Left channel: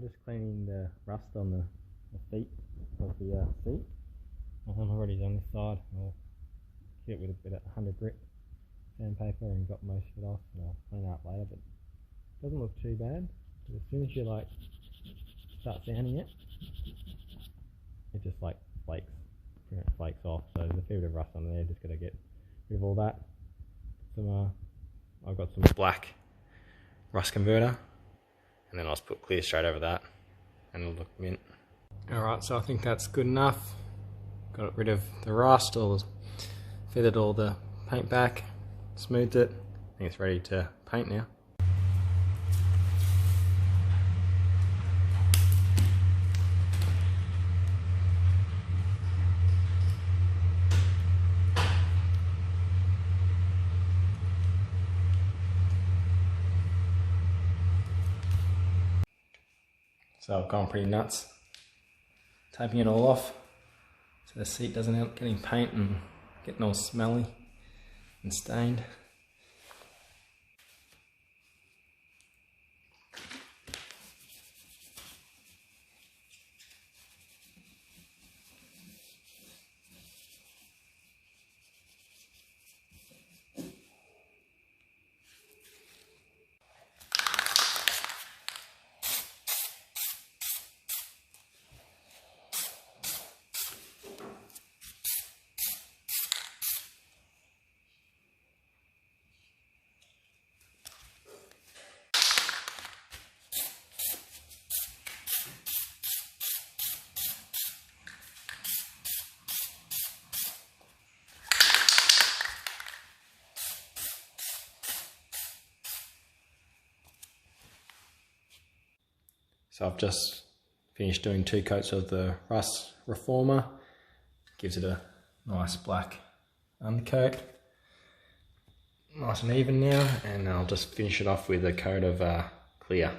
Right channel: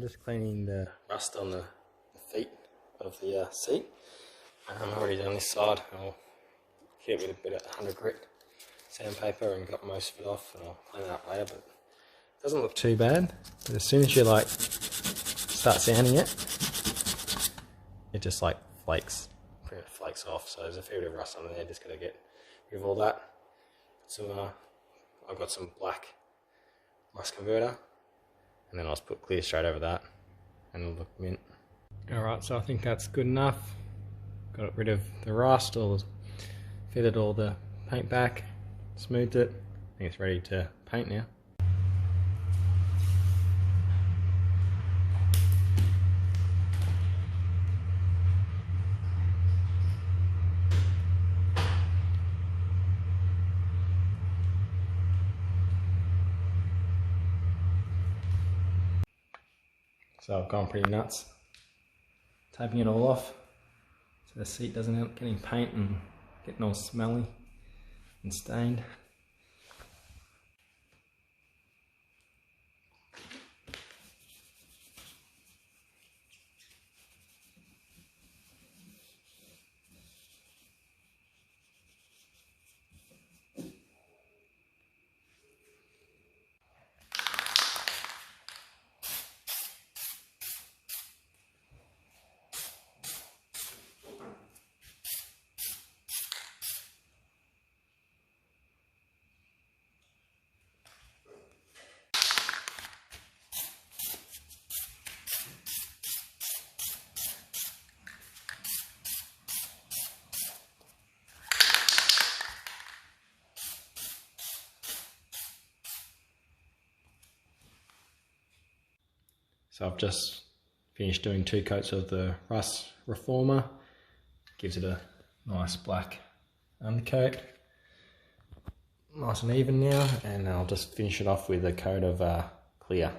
I'm just cleaning the rust on the feet of the seat. I'm already done this side. I'll hit it with a bit of 100 grit sandpaper and got most of it off, and I'll clean it up later, but it doesn't look too bad. But as soon as you like start sanding it, it just like flakes, pretty much flakes off. So there's a fair bit of rust under there, just gotta get rid of all that. I've got some black rust converter, and then I'll just put clear straight over that and it'll look mint. Alright, so I think that's good enough. Got rid of the rust, feathered all the paint back, smoothed it. I think it's ready to paint now. So I've gone pretty nuts, taping it all off so the seat doesn't end up getting paint and getting all smelly and stained. So I've just finished doing 2 coats of the rust reformer. Gives it a nice black undercoat. Nice and even now, and I'll just finish it off with a coat of clear.